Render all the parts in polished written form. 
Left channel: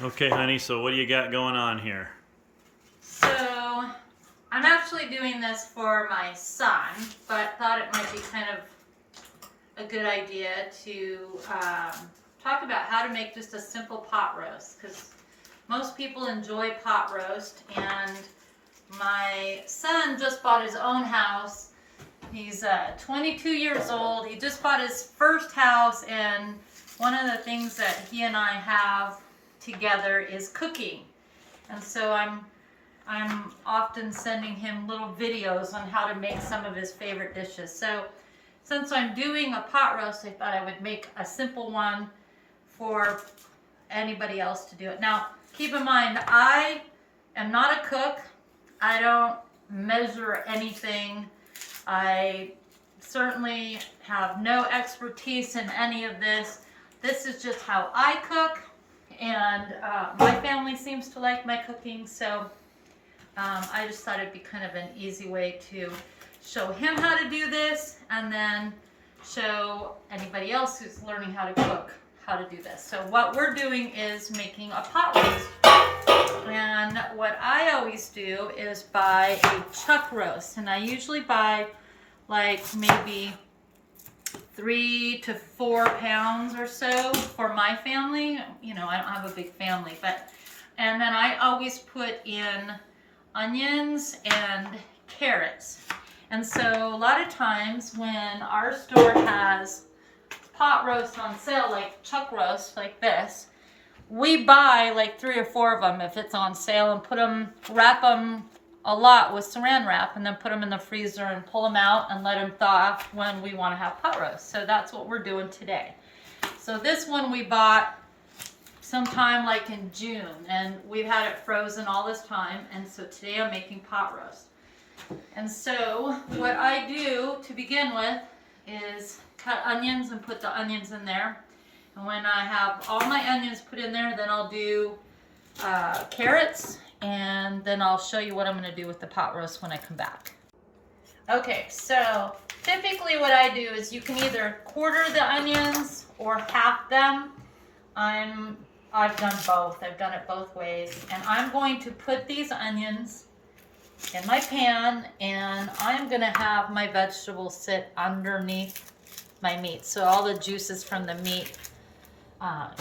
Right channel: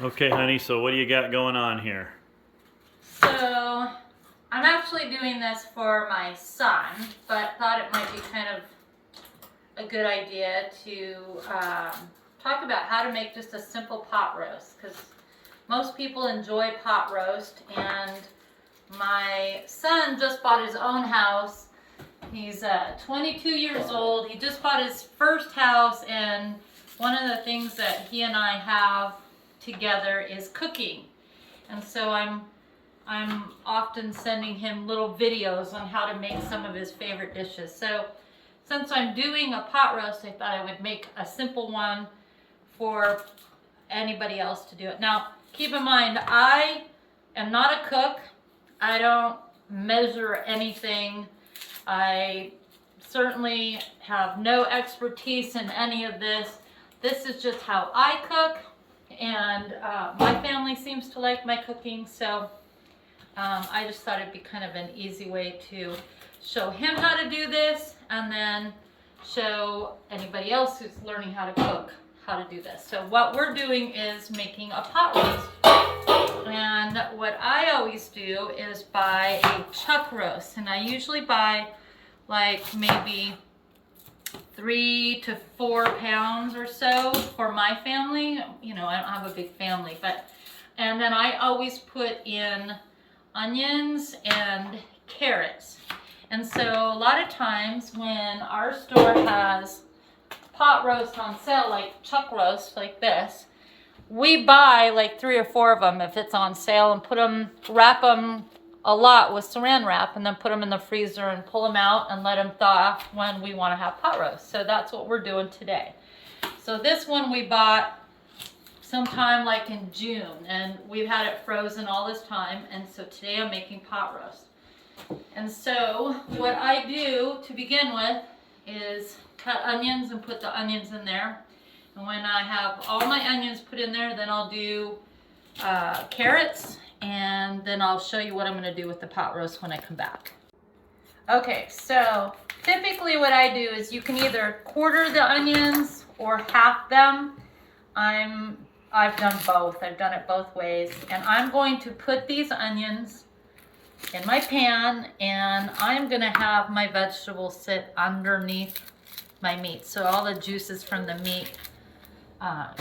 Okay, honey, so what do you got going on here? So, I'm actually doing this for my son, but thought it might be kind of a good idea to talk about how to make just a simple pot roast, because most people enjoy pot roast, and my son just bought his own house. He's 22 years old. He just bought his first house, and one of the things that he and I have together is cooking. And so I'm often sending him little videos on how to make some of his favorite dishes. So since I'm doing a pot roast, I thought I would make a simple one for anybody else to do it. Now, keep in mind, I am not a cook. I don't measure anything. I certainly have no expertise in any of this. This is just how I cook, and my family seems to like my cooking, so I just thought it'd be kind of an easy way to show him how to do this, and then show anybody else who's learning how to cook how to do this. So what we're doing is making a pot roast. And what I always do is buy a chuck roast, and I usually buy like maybe 3 to 4 pounds or so for my family. You know, I don't have a big family, and then I always put in onions and carrots. And so a lot of times when our store has pot roast on sale, like chuck roast like this, we buy like 3 or 4 of them if it's on sale, and put them, wrap them a lot with saran wrap, and then put them in the freezer and pull them out and let them thaw when we want to have pot roast. So that's what we're doing today. So this one we bought sometime like in June, and we've had it frozen all this time, and so today I'm making pot roast. And so what I do to begin with is cut onions and put the onions in there. And when I have all my onions put in there, then I'll do carrots, and then I'll show you what I'm going to do with the pot roast when I come back. Okay, so typically what I do is you can either quarter the onions or half them. I've done both. I've done it both ways. And I'm going to put these onions in my pan, and I'm going to have my vegetables sit underneath my meat. So all the juices from the meat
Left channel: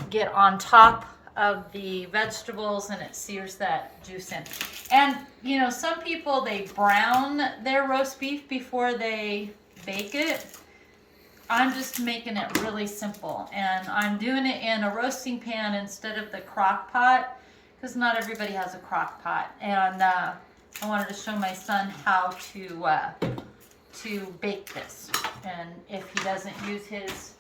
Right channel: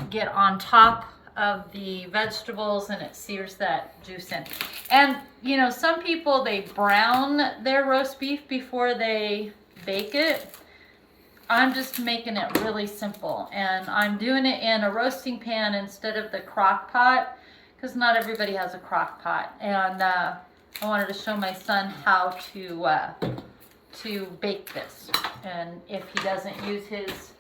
get on top of the vegetables, and it sears that juice in. And you know, some people, they brown their roast beef before they bake it. I'm just making it really simple, and I'm doing it in a roasting pan instead of the crock pot, because not everybody has a crock pot. And I wanted to show my son how to bake this, and if he doesn't use his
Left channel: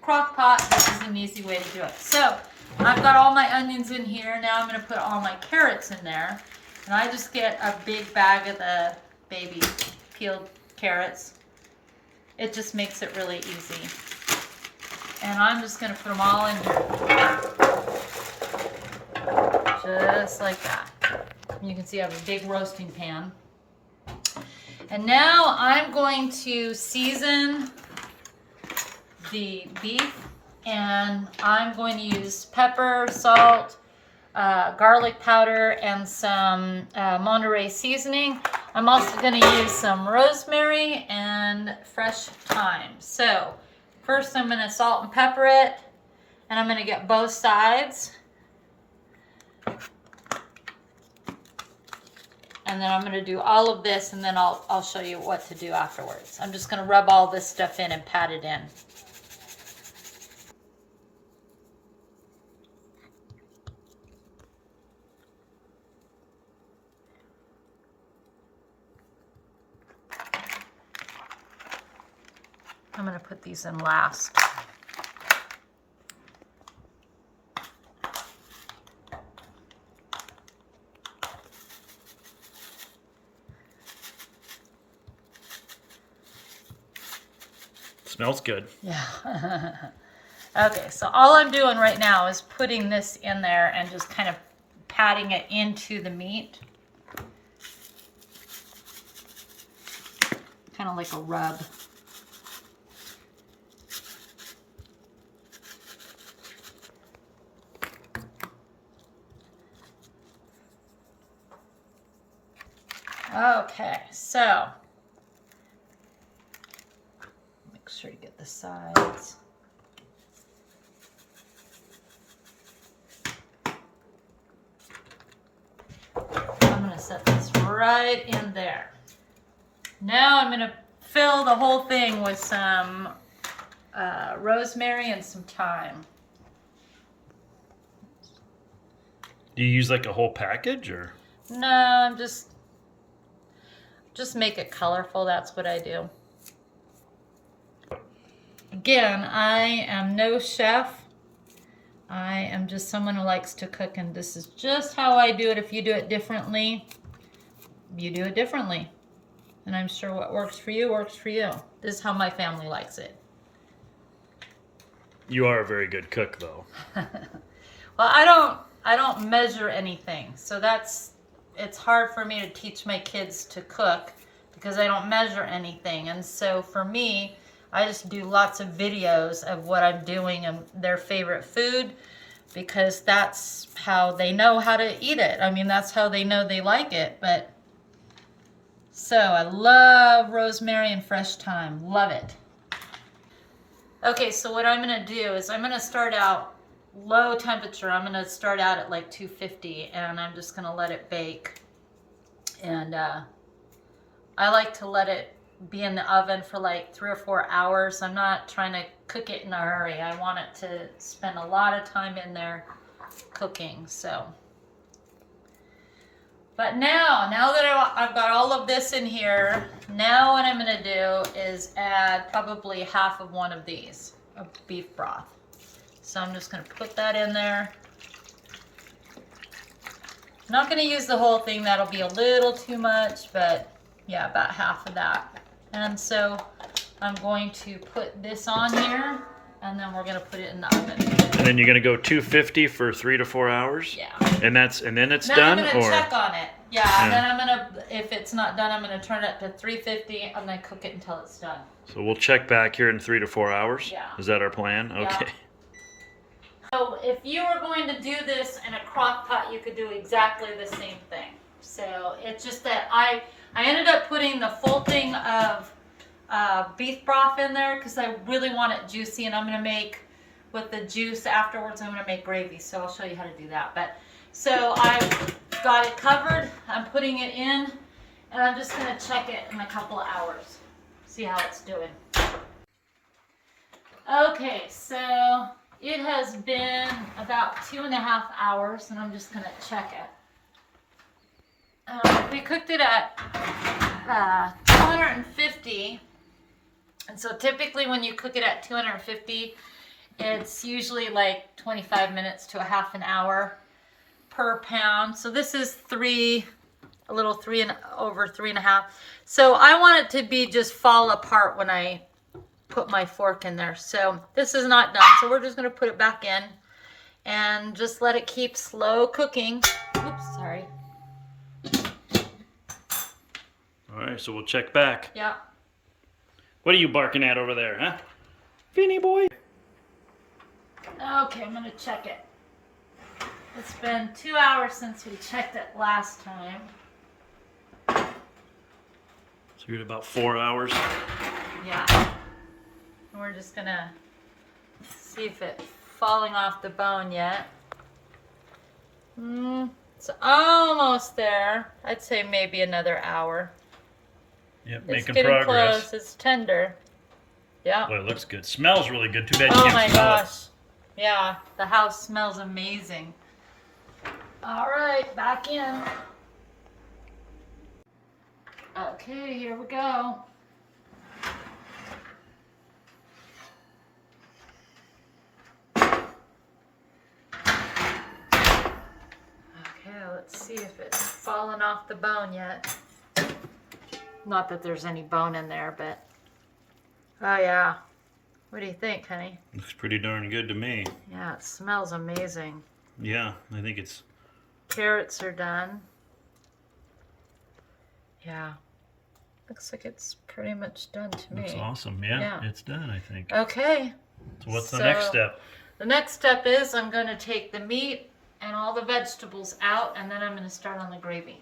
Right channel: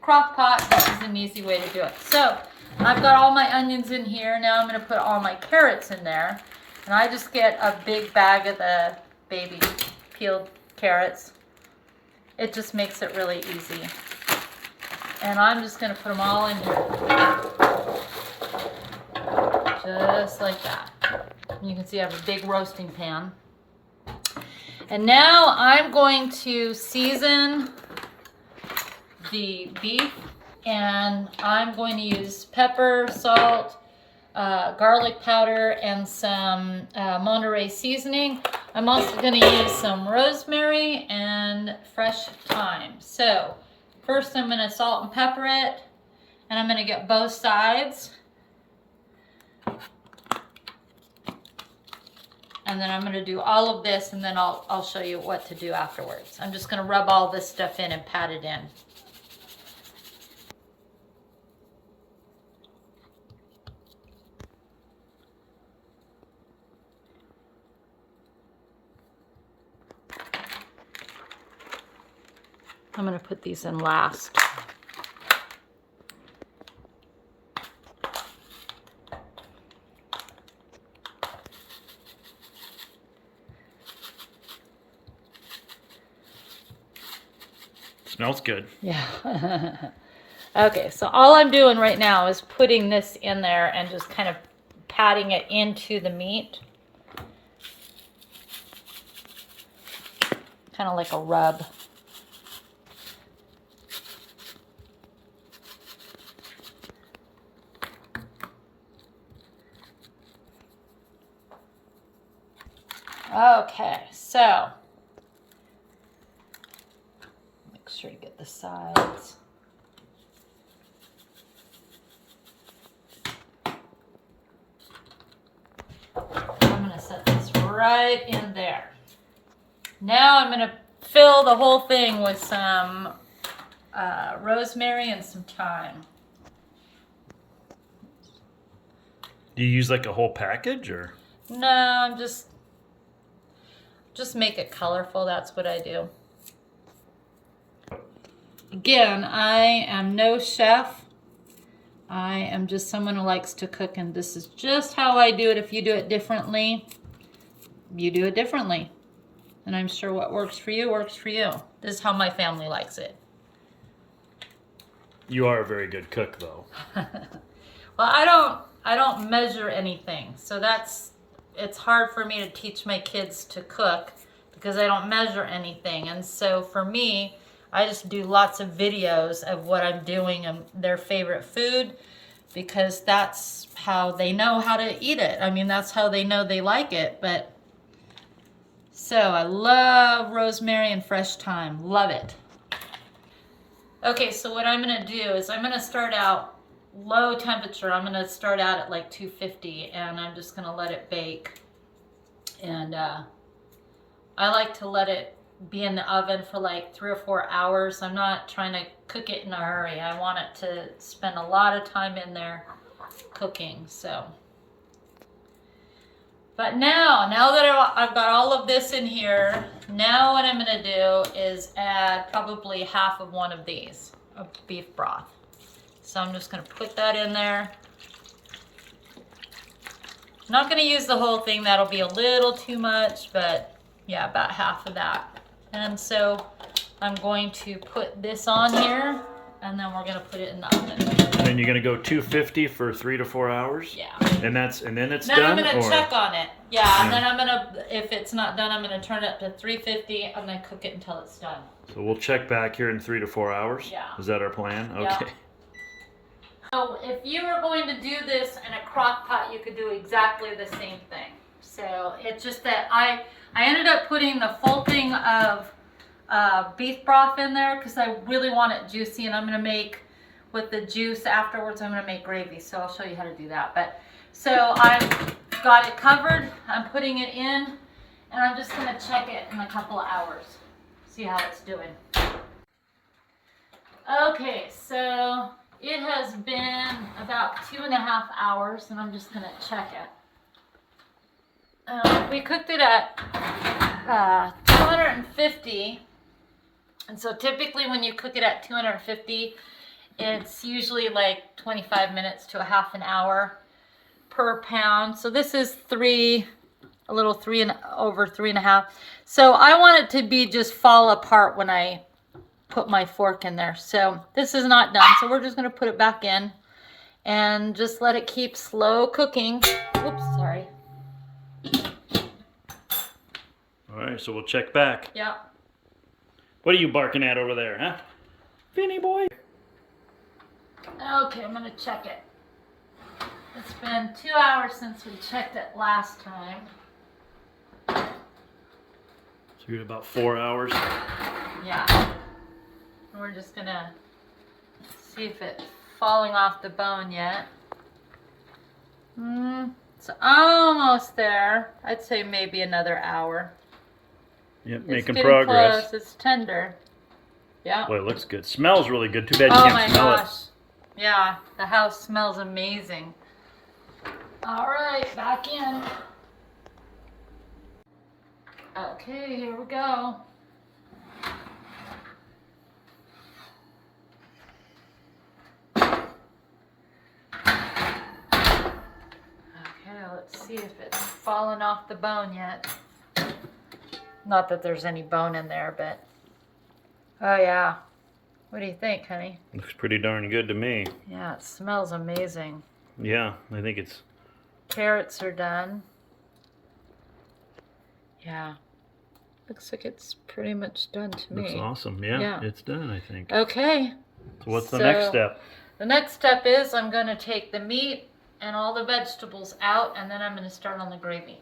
crock pot, this is an easy way to do it. So I've got all my onions in here. Now I'm going to put all my carrots in there, and I just get a big bag of the baby peeled carrots. It just makes it really easy. And I'm just going to put them all in here, just like that. You can see I have a big roasting pan. And now I'm going to season the beef, and I'm going to use pepper, salt, garlic powder, and some Monterey seasoning. I'm also going to use some rosemary and fresh thyme. So first I'm going to salt and pepper it, and I'm going to get both sides. And then I'm going to do all of this, and then I'll show you what to do afterwards. I'm just going to rub all this stuff in and pat it in. I'm going to put these in last. Smells good. Yeah. Okay, so all I'm doing right now is putting this in there and just kind of patting it into the meat. Kind of like a rub. Okay, so make sure you get the sides. I'm going to set this right in there. Now I'm going to fill the whole thing with some rosemary and some thyme. Do you use like a whole package or? No, I'm just make it colorful. That's what I do. Again, I am no chef. I am just someone who likes to cook, and this is just how I do it. If you do it differently, you do it differently. And I'm sure what works for you works for you. This is how my family likes it. You are a very good cook, though. Well, I don't measure anything. So it's hard for me to teach my kids to cook because I don't measure anything. And so for me, I just do lots of videos of what I'm doing and their favorite food because that's how they know how to eat it. I mean, that's how they know they like it. But so I love rosemary and fresh thyme. Love it. Okay, so what I'm going to do is I'm going to start out low temperature. I'm going to start out at like 250 and I'm just going to let it bake. And I like to let it be in the oven for like 3 or 4 hours. I'm not trying to cook it in a hurry. I want it to spend a lot of time in there cooking. So, but now that I've got all of this in here, now what I'm going to do is add probably half of one of these of beef broth. So I'm just going to put that in there. I'm not going to use the whole thing. That'll be a little too much, but yeah, about half of that. And so I'm going to put this on here, and then we're going to put it in the oven. And then you're going to go 250 for 3 to 4 hours? Yeah. And then it's then done? I'm going to or? check on it. Yeah, and then I'm going to, if it's not done, I'm going to turn it up to 350 and then cook it until it's done. So we'll check back here in 3 to 4 hours? Yeah. Is that our plan? Okay. Yeah. So if you were going to do this in a crock pot, you could do exactly the same thing. So it's just that I ended up putting the full thing of beef broth in there because I really want it juicy, and I'm going to make, with the juice afterwards, I'm going to make gravy. So I'll show you how to do that. But so I've got it covered. I'm putting it in, and I'm just going to check it in a couple of hours. See how it's doing. Okay, so it has been about 2.5 hours, and I'm just going to check it. We cooked it at 250, and so typically when you cook it at 250, it's usually like 25 minutes to a half an hour per pound. So this is over 3.5. So I want it to be just fall apart when I put my fork in there. So this is not done. So we're just going to put it back in and just let it keep slow cooking. Oops, sorry. All right, so we'll check back. Yeah. What are you barking at over there, huh? Vinny boy. Okay, I'm going to check it. It's been 2 hours since we checked it last time. So you're at about 4 hours. Yeah. And we're just going to see if it's falling off the bone yet. It's almost there. I'd say maybe another hour. Yep, It's making getting progress. close. It's tender. Yeah. Boy, it looks good. Smells really good. Too bad you Oh can't my smell gosh. Yeah, the house smells amazing. All right, back in. Okay, here we go. Okay, let's see if it's fallen off the bone yet. Not that there's any bone in there, but oh yeah. What do you think, honey? Looks pretty darn good to me. Yeah, it smells amazing. Yeah, I think it's... Carrots are done. Yeah. Looks like it's pretty much done to me. Looks awesome. Yeah, Yeah. it's done, I think. Okay. So what's the next step? The next step is I'm going to take the meat and all the vegetables out, and then I'm going to start on the gravy.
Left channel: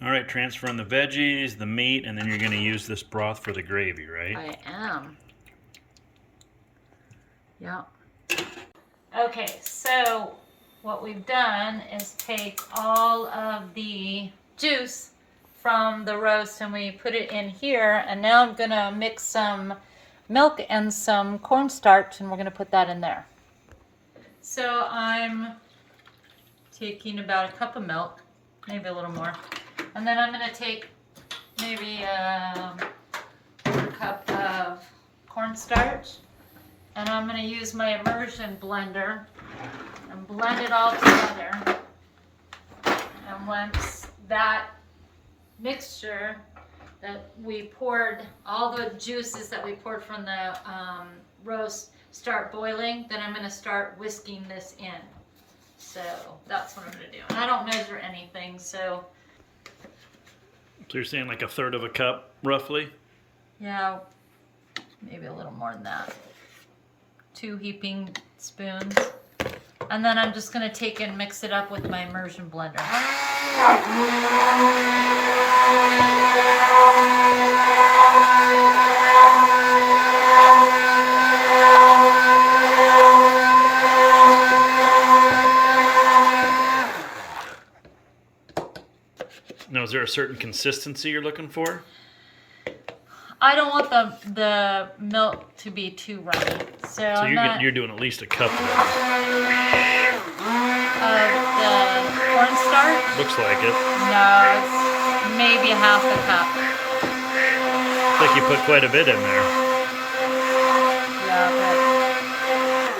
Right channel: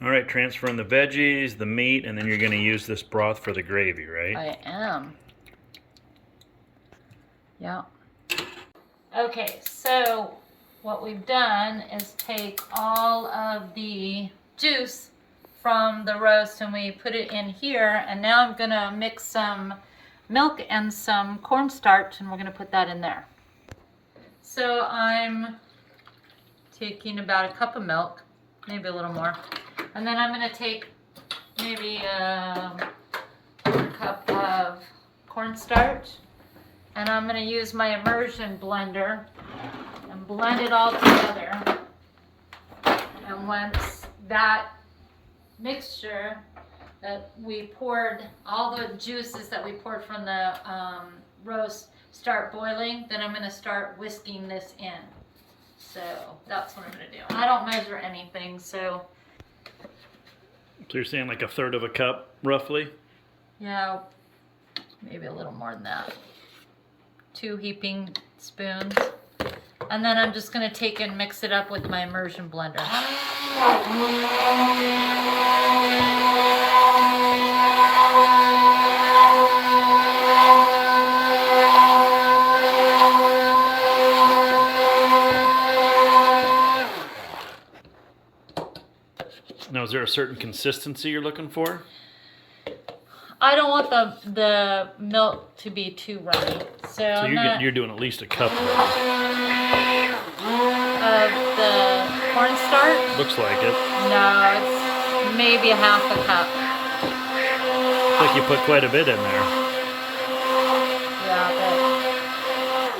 All right, transferring the veggies, the meat, and then you're going to use this broth for the gravy, right? I am. Yeah. Okay, so what we've done is take all of the juice from the roast and we put it in here, and now I'm gonna mix some milk and some cornstarch and we're gonna put that in there. So I'm taking about a cup of milk, maybe a little more, and then I'm gonna take maybe a cup of cornstarch, and I'm gonna use my immersion blender and blend it all together. And once that mixture that we poured, all the juices that we poured from the roast start boiling, then I'm gonna start whisking this in. So that's what I'm gonna do. And I don't measure anything, so. So you're saying like a third of a cup, roughly? Yeah, maybe a little more than that. 2 heaping spoons. And then I'm just gonna take and mix it up with my immersion blender. Now, is there a certain consistency you're looking for? I don't want the milk to be too runny. So You're doing at least a cup then. Of the cornstarch? Looks like it. No, it's maybe half a cup. Looks like you put quite a bit in there. Yeah,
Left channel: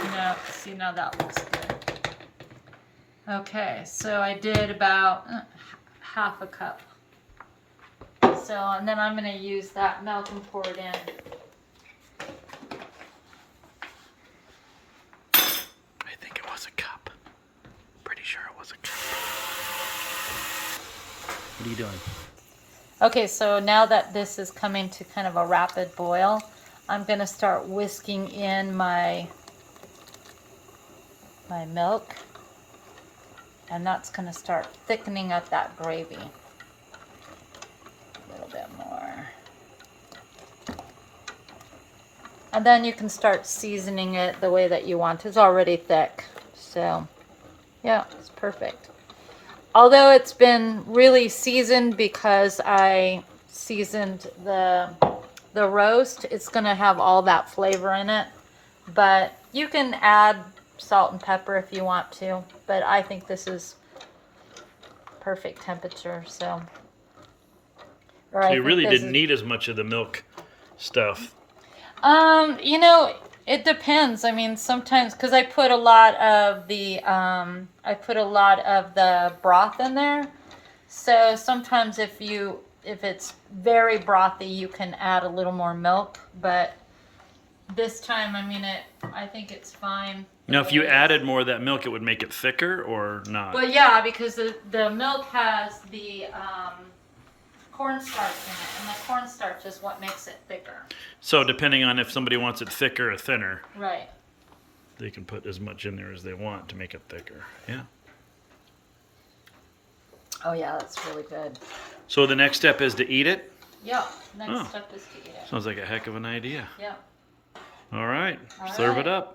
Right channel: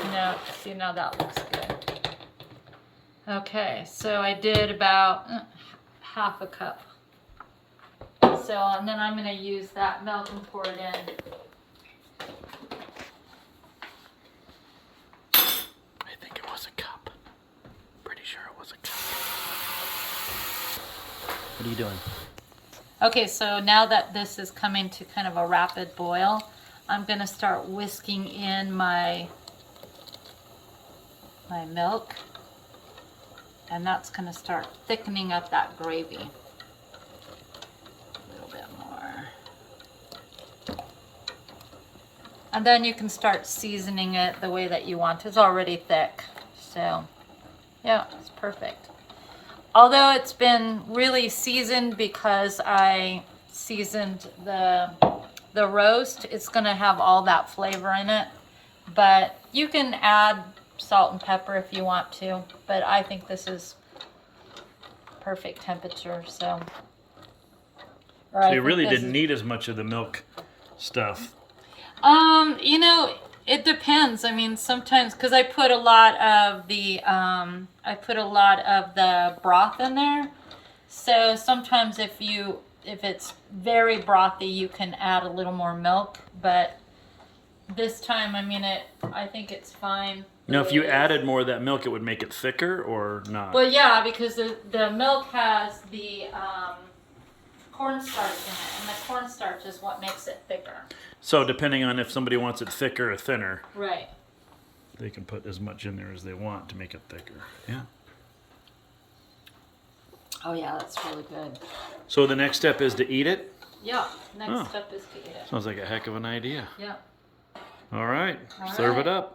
but no, see, now that looks good. Okay, so I did about half a cup. So, and then I'm going to use that milk and pour it in. I think it was a cup. Pretty sure it was a cup. What are you doing? Okay, so now that this is coming to kind of a rapid boil, I'm going to start whisking in my milk. And that's going to start thickening up that gravy. A little bit more. And then you can start seasoning it the way that you want. It's already thick. So, yeah, it's perfect. Although it's been really seasoned because I seasoned the roast, it's going to have all that flavor in it. But you can add salt and pepper if you want to, but I think this is perfect temperature. So you really didn't need as much of the milk stuff. You know, it depends. I mean, sometimes because I put a lot of the broth in there, so sometimes if it's very brothy, you can add a little more milk. But this time, I mean, I think it's fine. Now, if you added more of that milk, it would make it thicker or not? Well, yeah, because the milk has the cornstarch in it, and the cornstarch is what makes it thicker. So depending on if somebody wants it thicker or thinner, Right. they can put as much in there as they want to make it thicker. Yeah. Oh, yeah, that's really good. So the next step is to eat it? Yeah, next step is to eat it. Sounds like a heck of an idea. Yeah. All right, All serve right. it up.